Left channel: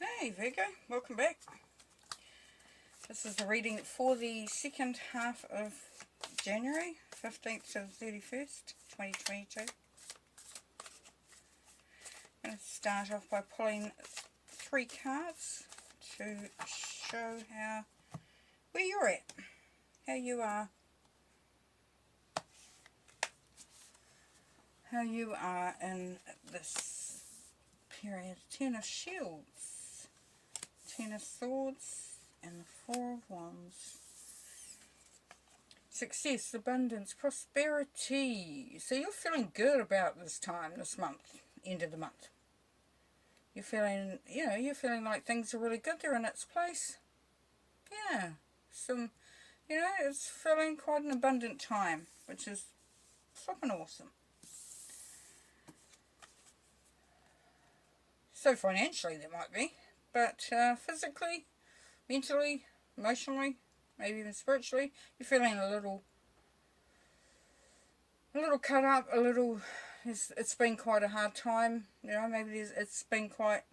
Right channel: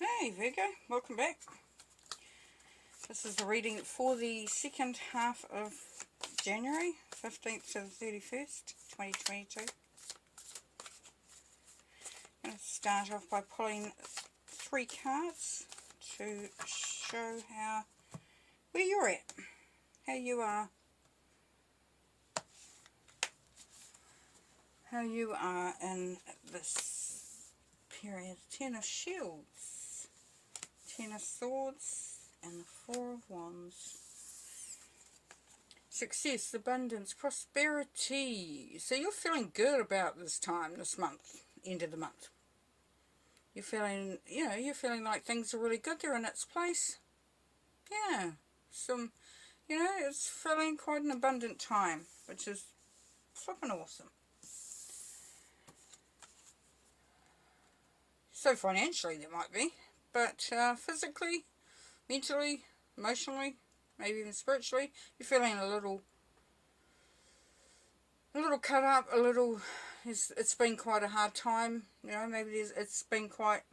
Hey Virgo, welcome back. This is the reading for the second half of January, 15th to the 31st, 2022. I'm going to start off by pulling 3 cards to show where you're at, how you are in this period. 10 of Shields, 10 of Swords, and the 4 of Wands. Success, abundance, prosperity. So you're feeling good about this time, this month, end of the month. You're feeling, you're feeling like things are really good. They're in its place. Yeah, it's feeling quite an abundant time, which is flippin' awesome. So financially there might be, but physically, mentally, emotionally, maybe even spiritually, you're feeling a little cut up, it's been quite a hard time, maybe it's been quite,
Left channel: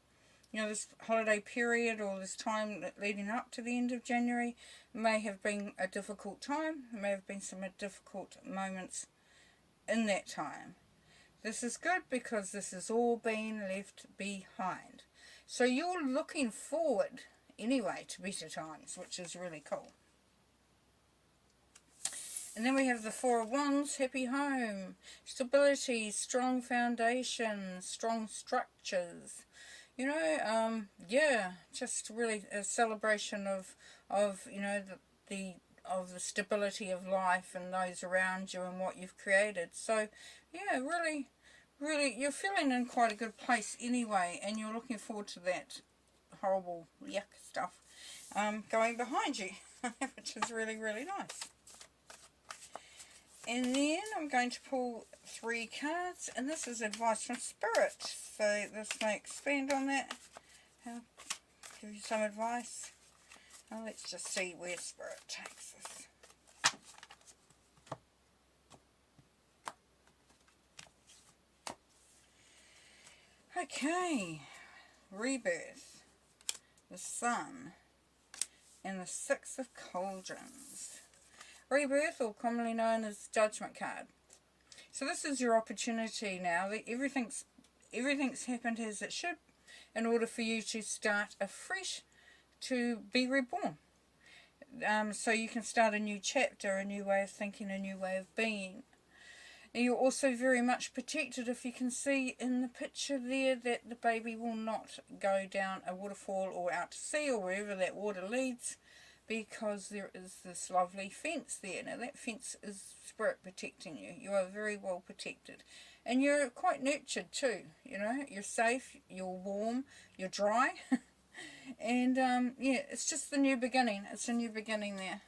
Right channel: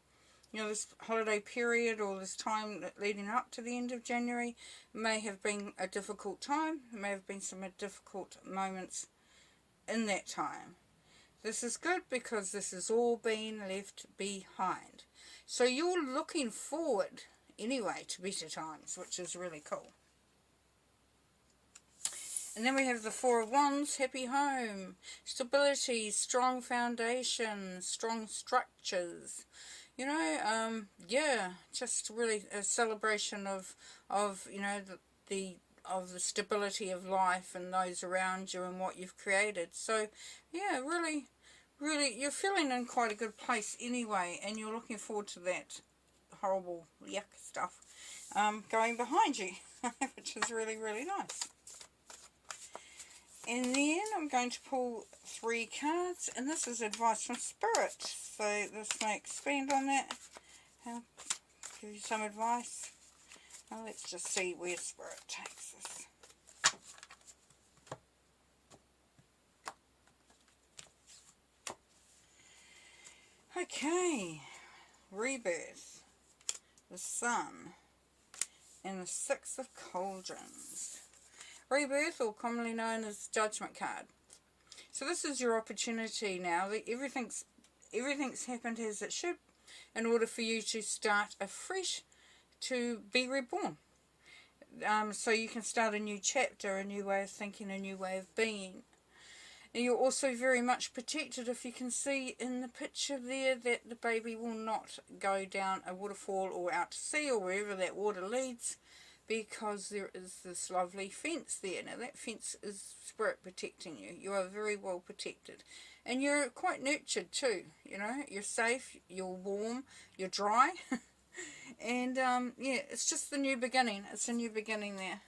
this holiday period or this time leading up to the end of January may have been a difficult time, may have been some difficult moments in that time. This is good because this has all been left behind. So you're looking forward anyway to better times, which is really cool. And then we have the 4 of Wands, happy home, stability, strong foundations, strong structures. Just really a celebration of the stability of life and those around you and what you've created. So yeah, really you're feeling in quite a good place anyway, and you're looking forward to that horrible yuck stuff going behind you, which is really nice. And then I'm going to pull 3 cards, and this is advice from Spirit, so this may expand on that. I'll give you some advice. Now let's just see where Spirit takes us. Okay, rebirth, the Sun, and the 6 of Cauldrons. Rebirth, or commonly known as Judgment card. So this is your opportunity now. Everything's happened as it should in order for you to start afresh, to be reborn. So you can start a new chapter, a new way of thinking, a new way of being. And you're also very much protected, if you can see in the picture there, that the baby will not go down a waterfall or out to sea or wherever that water leads, because there is this lovely fence there. Now that fence is Spirit protecting you. You are very well protected. And you're quite nurtured too, You're safe, you're warm, you're dry. And it's just the new beginning. It's a new beginning there.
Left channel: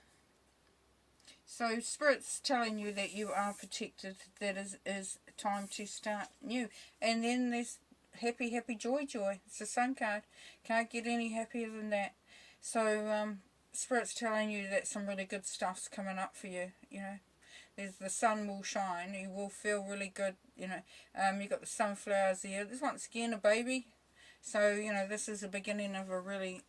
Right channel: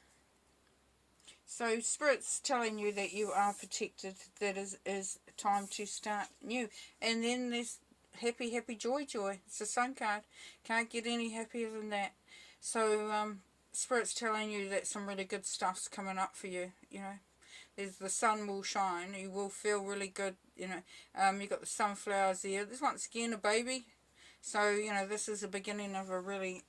So Spirit's telling you that you are protected, that is time to start new. And then there's happy, joy. It's the Sun card. Can't get any happier than that. So Spirit's telling you that some really good stuff's coming up for you, There's the sun will shine. You will feel really good, You've got the sunflowers there. There's once again a baby. So, this is the beginning of a really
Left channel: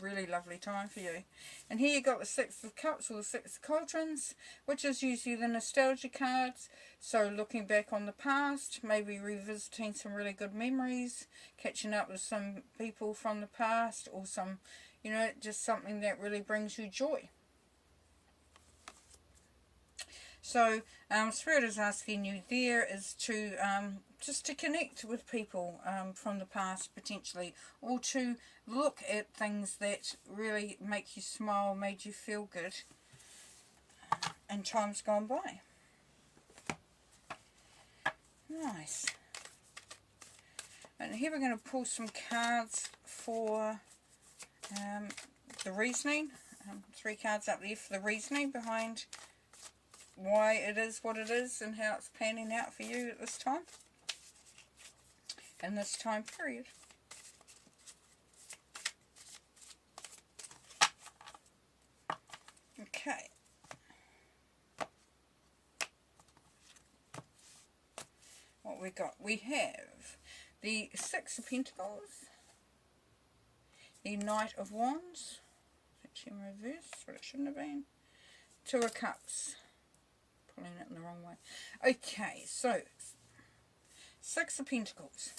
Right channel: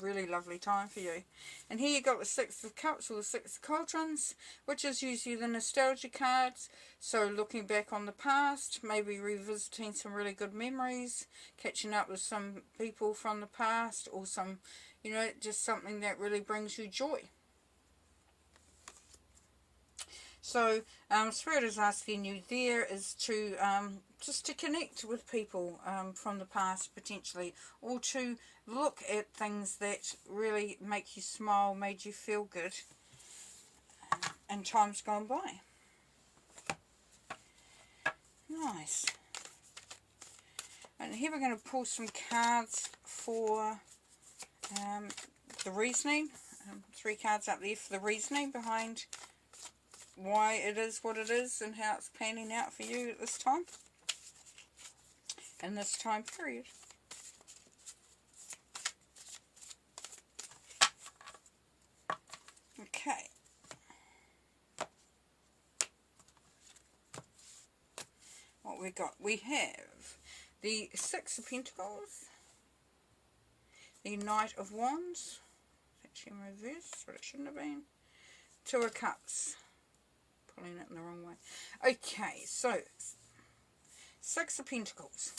lovely time for you. And here you got the 6 of Cups, or the 6 of Cauldrons, which is usually the nostalgia cards. So looking back on the past, maybe revisiting some really good memories, catching up with some people from the past, or some, just something that really brings you joy. So Spirit is asking you there is to just to connect with people from the past potentially, or to look at things that really make you smile, made you feel good in times gone by. Nice. And here we're going to pull some cards for the reasoning. 3 cards up there for the reasoning behind why it is what it is and how it's panning out for you at this time, in this time period. Okay. What we got? We have the 6 of Pentacles, the Knight of Wands. Actually in reverse, but it shouldn't have been. Two of Cups. Pulling it in the wrong way. Okay, so Six of Pentacles.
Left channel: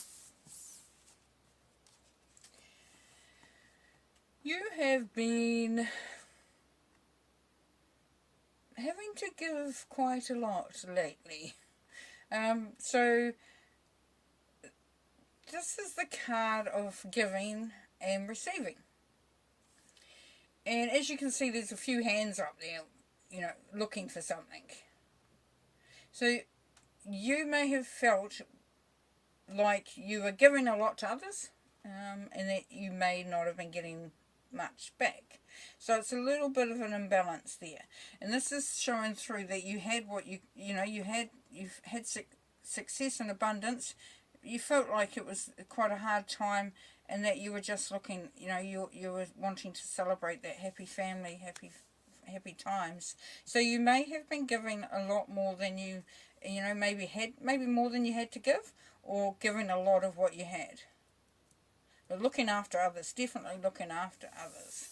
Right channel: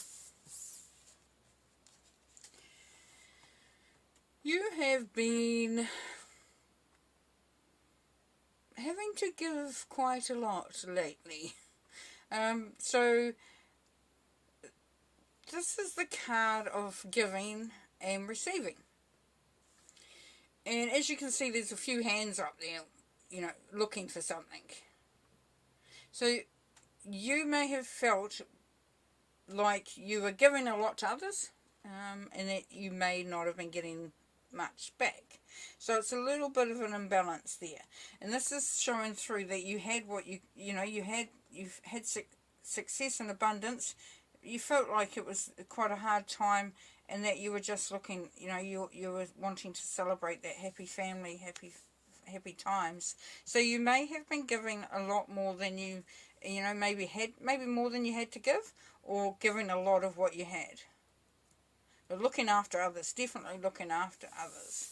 You have been having to give quite a lot lately. So this is the card of giving and receiving. And as you can see, there's a few hands up there, you know, looking for something. So you may have felt like you were giving a lot to others, and that you may not have been getting much back. So it's a little bit of an imbalance there. And this is showing through that you had what you've had success and abundance. You felt like it was quite a hard time, and that you were just looking, you were wanting to celebrate that happy family, happy times. So you may have been giving a lot more than maybe more than you had to give, or giving a lot of what you had. But looking after others, definitely looking after others.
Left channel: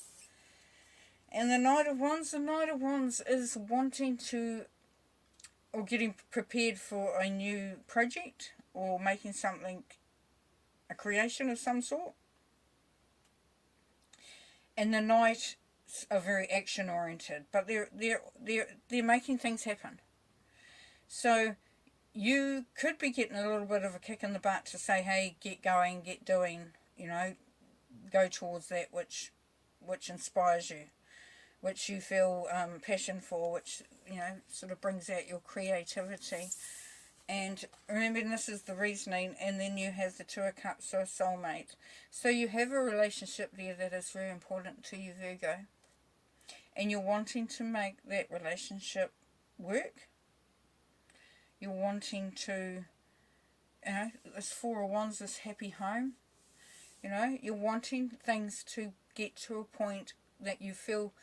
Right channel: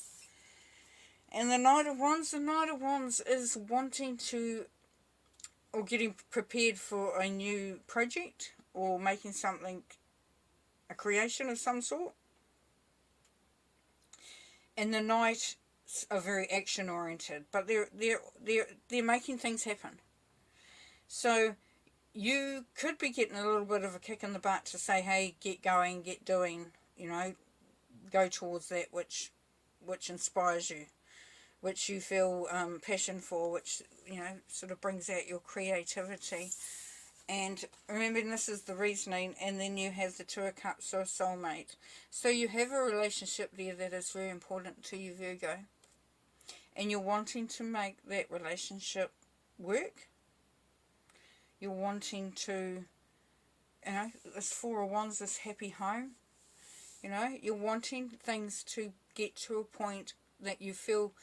And the Knight of Wands is wanting to, or getting prepared for a new project, or making something, a creation of some sort. And the Knights are very action oriented, but they're making things happen. So you could be getting a little bit of a kick in the butt to say, hey, get going, get doing, go towards that which inspires you, which you feel passion for, which sort of brings out your creativity. And remember, this is the reasoning. And then you have the Two of Cups, so a soulmate. So you have a relationship there that is very important to you, Virgo, and you're wanting to make that relationship work. You're wanting to, this Four of Wands, this happy home. You're wanting things to get to a point that you feel,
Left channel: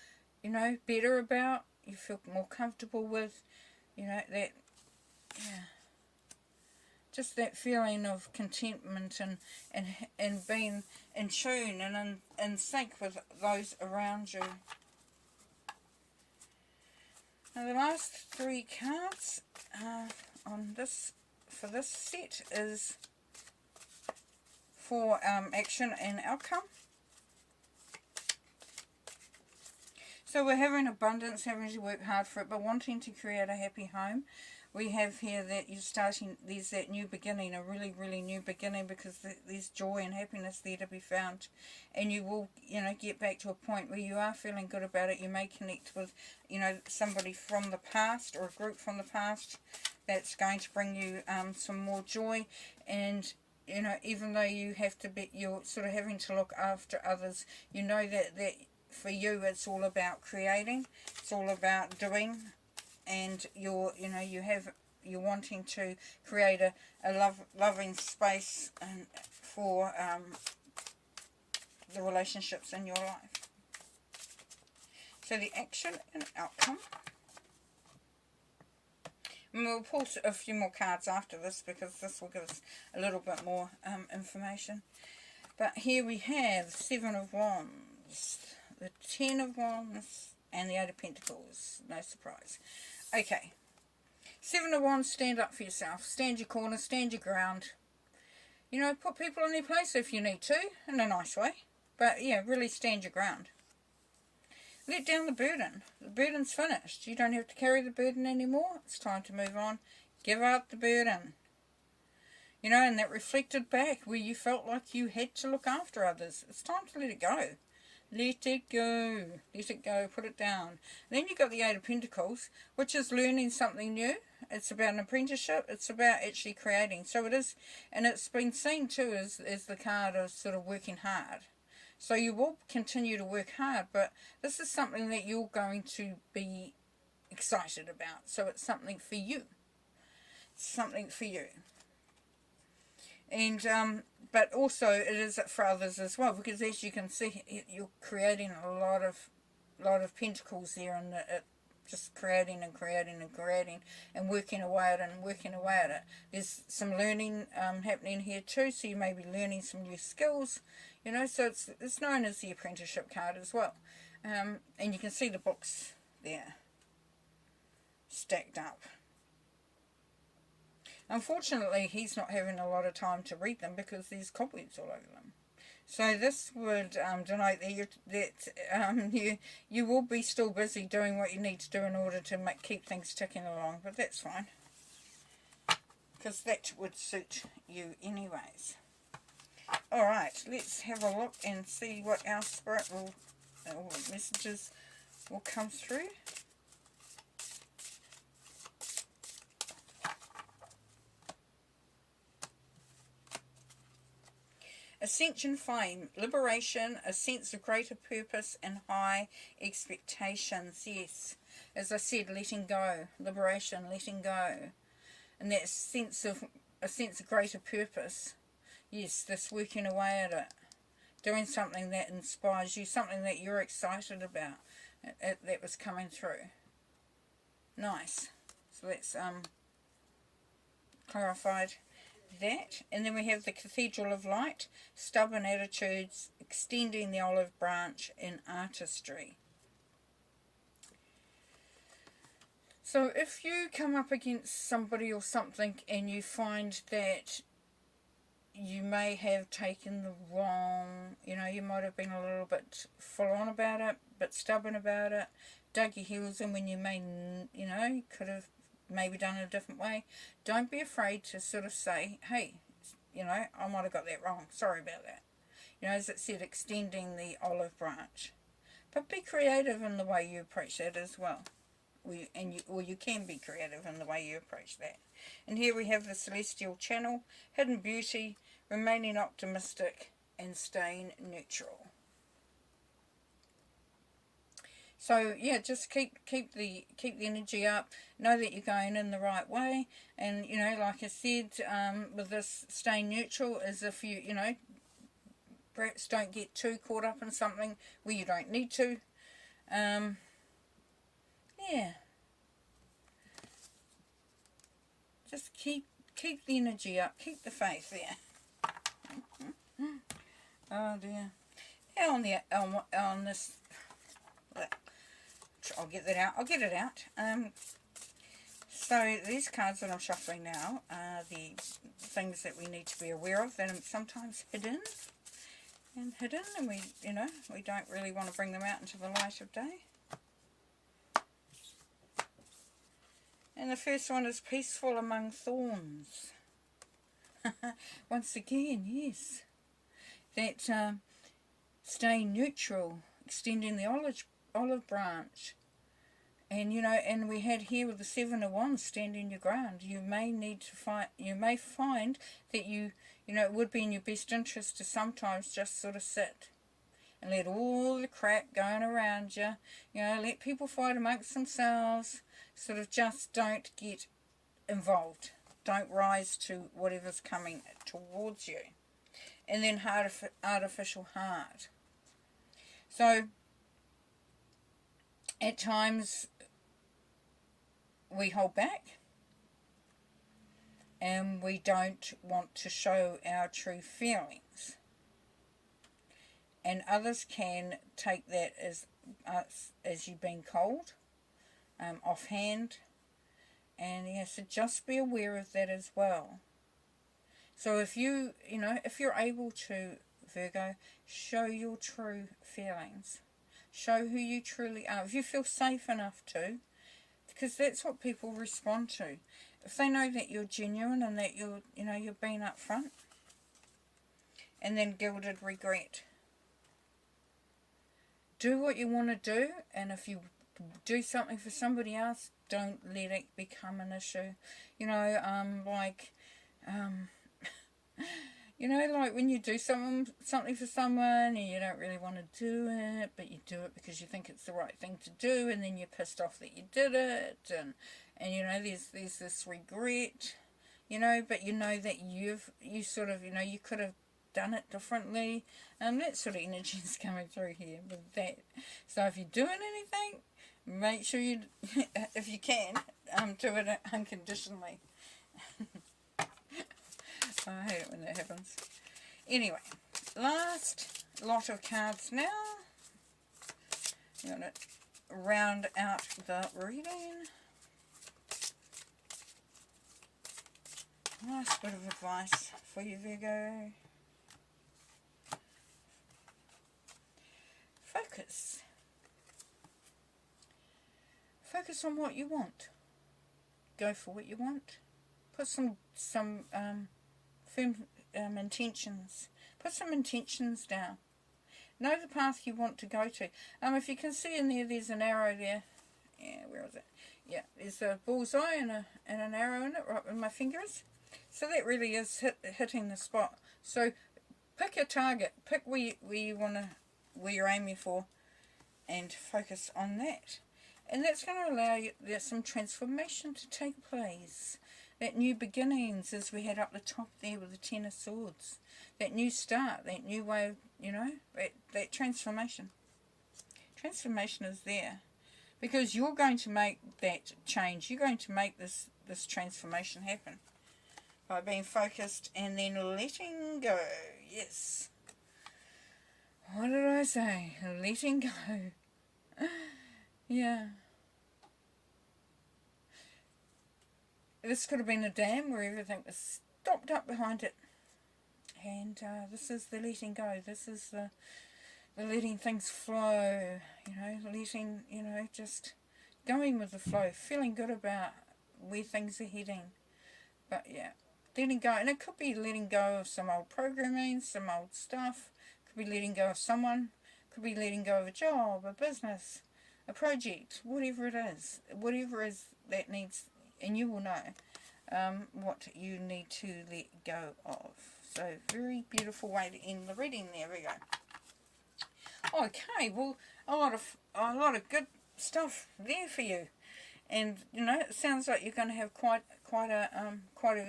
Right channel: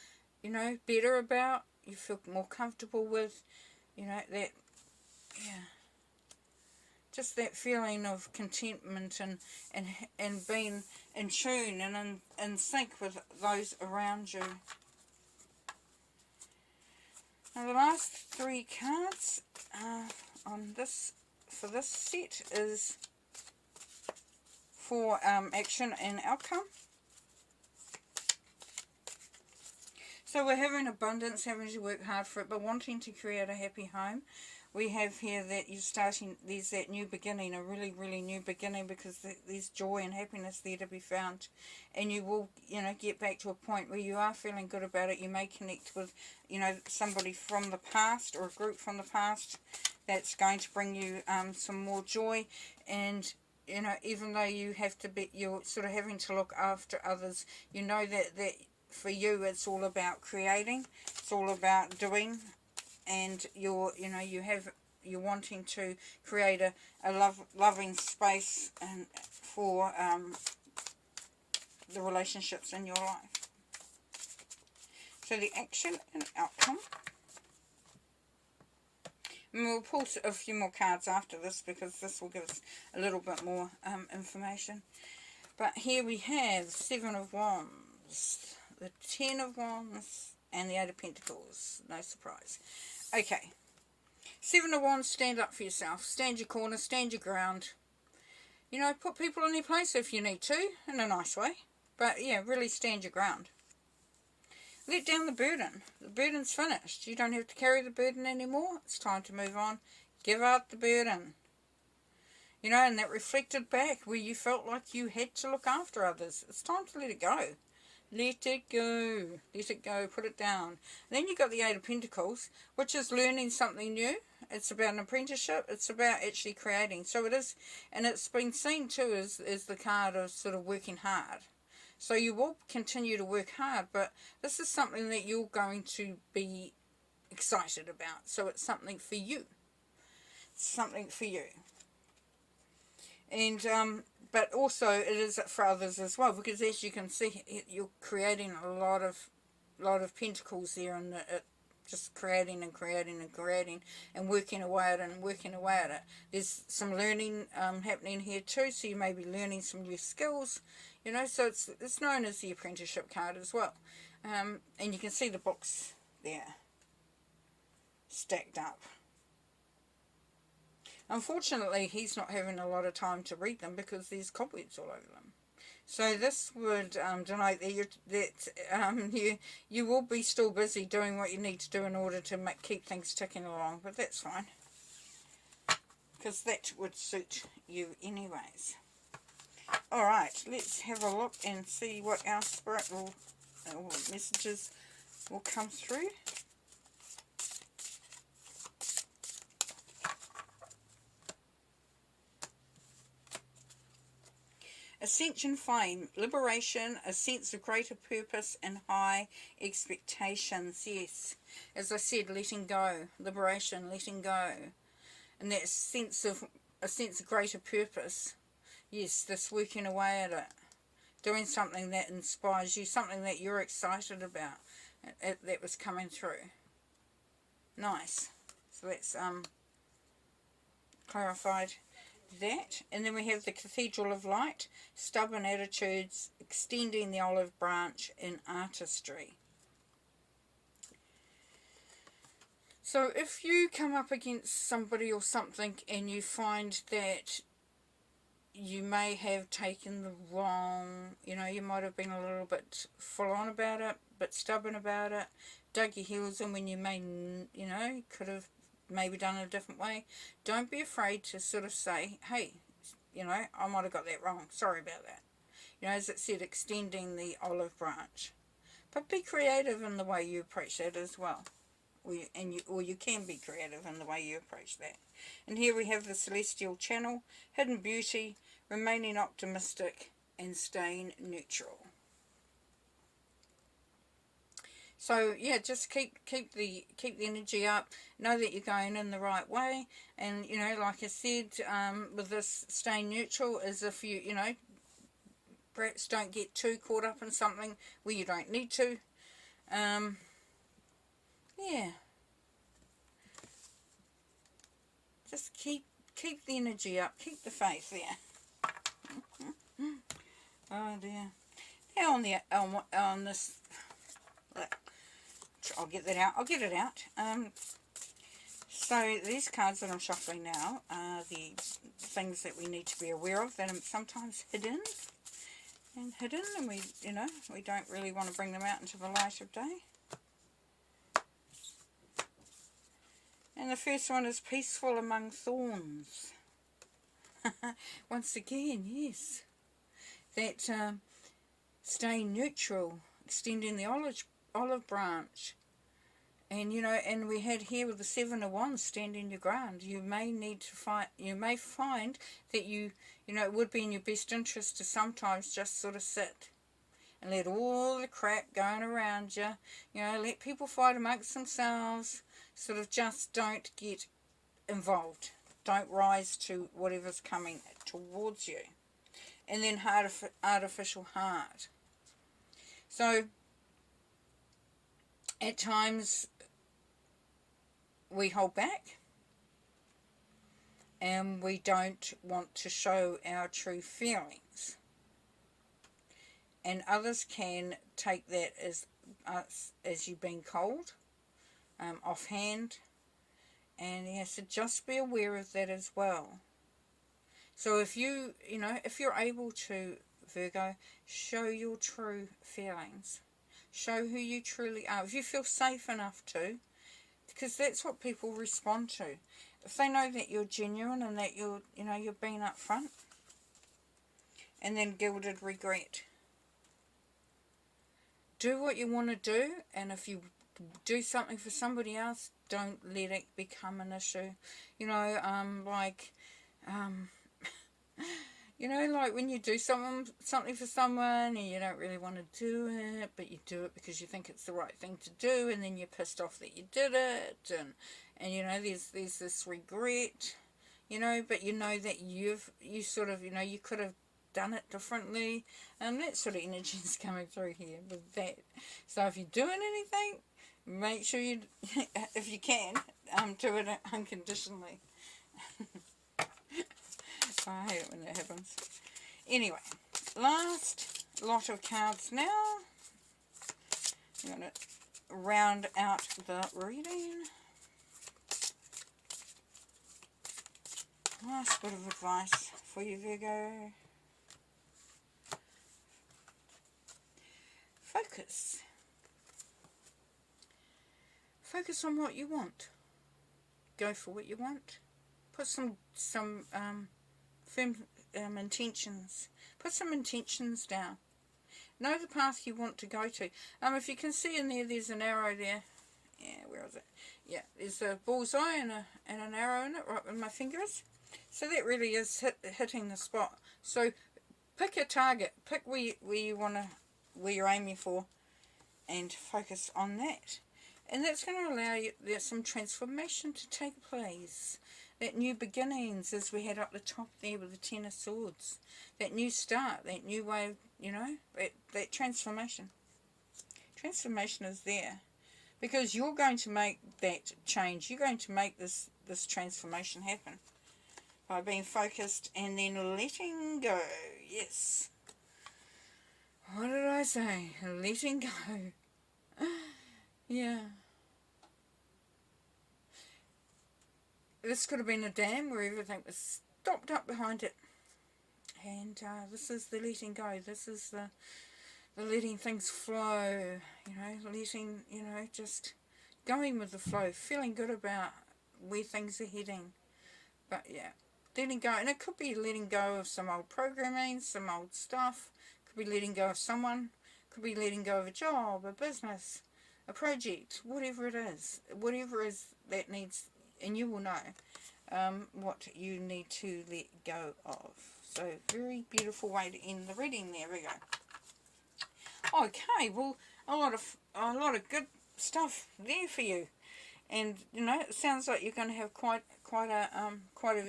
better about, you feel more comfortable with, that, just that feeling of contentment and being in tune and in sync with those around you. Now the last three cards for this set is for action and outcome. So we're having abundance, having to work hard for it, but wanting to create a happy home. We have here that you're starting, there's that new beginning, a really, really new beginning, because there's joy and happiness there to be found. And you will, get back to a point where you are feeling good about it. You may connect with, somebody from the past, or a group from the past, that's going to bring you some more joy. And, even though you have to be, you're sort of having to look after others, that for you it's all about creating, it's all about doing. And you're wanting to create a loving space for the relationships in your life. So the action and outcome. And we'll pull a few more cards after this, because this will give us a little bit more information. But here we have the Seven of Wands, the Ten of Wands, and the Eight of Pentacles. No surprise. Okay. Seven of Wands, stand up for yourself. Stand your corner, stand your ground. Put people in their place if you need to, in a nice way. But, yeah, really stand your ground. Let down the burden. The burden's finished. You don't have to carry the burden anymore. It's time to move on. Give out the burden. And that reflected back where you felt like you had to look after others. It's time to let it go. Let it go. Let it go. Put it down. And then you've got the Eight of Pentacles, which is learning something new. It's about an apprenticeship. It's about actually creating. So it is, and it's been seen too as the card of sort of working hard. So you will continue to work hard, but this is something that you're going to be excited about. So it's something for you. It's something for you. And but also it is for others as well, because as you can see, you're creating a lot of pentacles there, and just creating and creating and creating and working away at it and working away at it. There's some learning happening here too, so you may be learning some new skills, you know, so it's known as the apprenticeship card as well. And you can see the books there stacked up. Unfortunately, he's not having a lot of time to read them because there's cobwebs all over them. So this would denote that you will be still busy doing what you need to do in order to keep things ticking along, but that's fine, because that would suit you anyways. Alright, let's have a look and see what our spirit will, what messages will come through. Ascension flame, liberation, a sense of greater purpose and high expectations. Yes, as I said, letting go, liberation, letting go, and that sense of a sense of greater purpose. Yes, this working away at it, doing something that inspires you, something that you're excited about. That was coming through. Nice. So that's clarified that. And then we have the Cathedral of Light, stubborn attitudes, extending the olive branch in artistry. So if you come up against somebody or something and you find that you may have taken the wrong, you know, you might have been a little bit full on about it, but stubborn about it, dug your heels in when you may, you know, could have maybe done it a different way. Don't be afraid to sort of say, hey, you know, I might have got that wrong. Sorry about that. You know, as it said, extending the olive branch. But be creative in the way you approach that as well. Or you can be creative in the way you approach that. And here we have the Celestial Channel, hidden beauty, remaining optimistic, and staying neutral. So yeah, just keep the energy up. Know that you're going in the right way, and you know, like I said, with this staying neutral, as if you know, perhaps don't get too caught up in something where you don't need to. Yeah, just keep the energy up, keep the faith there. Oh dear. Now on this. I'll get that out. I'll get it out. So these cards that I'm shuffling now are the things that we need to be aware of that are sometimes hidden, and we, you know, we don't really want to bring them out into the light of day. And the first one is peaceful among thorns. Once again, yes, that staying neutral, extending the olive branch, and you know, and we had here with the Seven of Wands, standing your ground. You may need to find, you may find that you know, it would be in your best interest to sometimes just sort of sit and let all the crap going around you, you know, let people fight amongst themselves, sort of just don't get involved, don't rise to whatever's coming towards you. And then artificial heart. So at times we hold back and we don't want to show our true feelings, and others can take that as you being cold, offhand, and yes, so just be aware of that as well. So if you know, if you're able to, Virgo, show your true feelings, show who you truly are, if you feel safe enough to, because that's what people respond to. If they know that you're genuine and that you're, you know, you're being upfront. And then gilded regret. Do what you want to do, and if you do something for somebody else, don't let it become an issue. You know, you know, like when you do something for someone and you don't really want to do it, but you do it because you think it's the right thing to do, and then you're pissed off that you did it, and you know, there's this regret, you know, but you know that you sort of, you know, you could have done it differently, and that sort of energy is coming through here with that. So if you're doing anything, Make sure you, if you can, do it unconditionally. I hate it when that happens. Anyway, last lot of cards now. I'm going to round out the reading. Last bit of advice for you, Virgo. Focus. Focus on what you want. Go for what you want. Put some firm intentions. Put some intentions down. Know the path you want to go to. If you can see in there, there's an arrow there. Yeah, where is it? Yeah, there's a bullseye and an arrow in it, right with my fingers. So that really is hitting the spot. So pick a target. Pick where you're aiming for, and focus on that. And that's going to allow you, there's some transformation to take place. That new beginnings, as we had up the top there with the Ten of Swords. That new start, that new way of, that transformation. Transformation is there. Because you're going to make that change. You're going to make this transformation happen. By being focused and then letting go. Yes. What did I say? Letting go. Yeah. This could have been a dam where everything was stopped up behind it. And this is the letting go. This is the letting things flow. Letting, just going with the flow. Feeling good about where things are heading. But yeah, letting go. And it could be letting go of some old programming, some old stuff. It could be letting go of someone. It could be letting go of a job, a business, a project, whatever it is. Whatever is that needs, and you will know what you need to let go of. So, very beautiful way to end the reading there. We go. Okay, well, a lot of good stuff there for you. And, it sounds like you're going to have quite a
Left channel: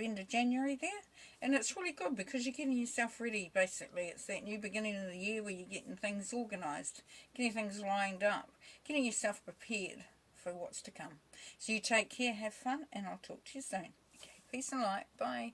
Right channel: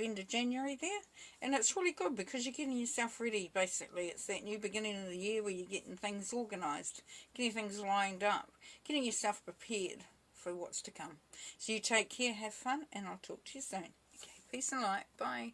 end of January there. And it's really good because you're getting yourself ready, basically. It's that new beginning of the year where you're getting things organised, getting things lined up, getting yourself prepared for what's to come. So you take care, have fun, and I'll talk to you soon. Okay, peace and light. Bye.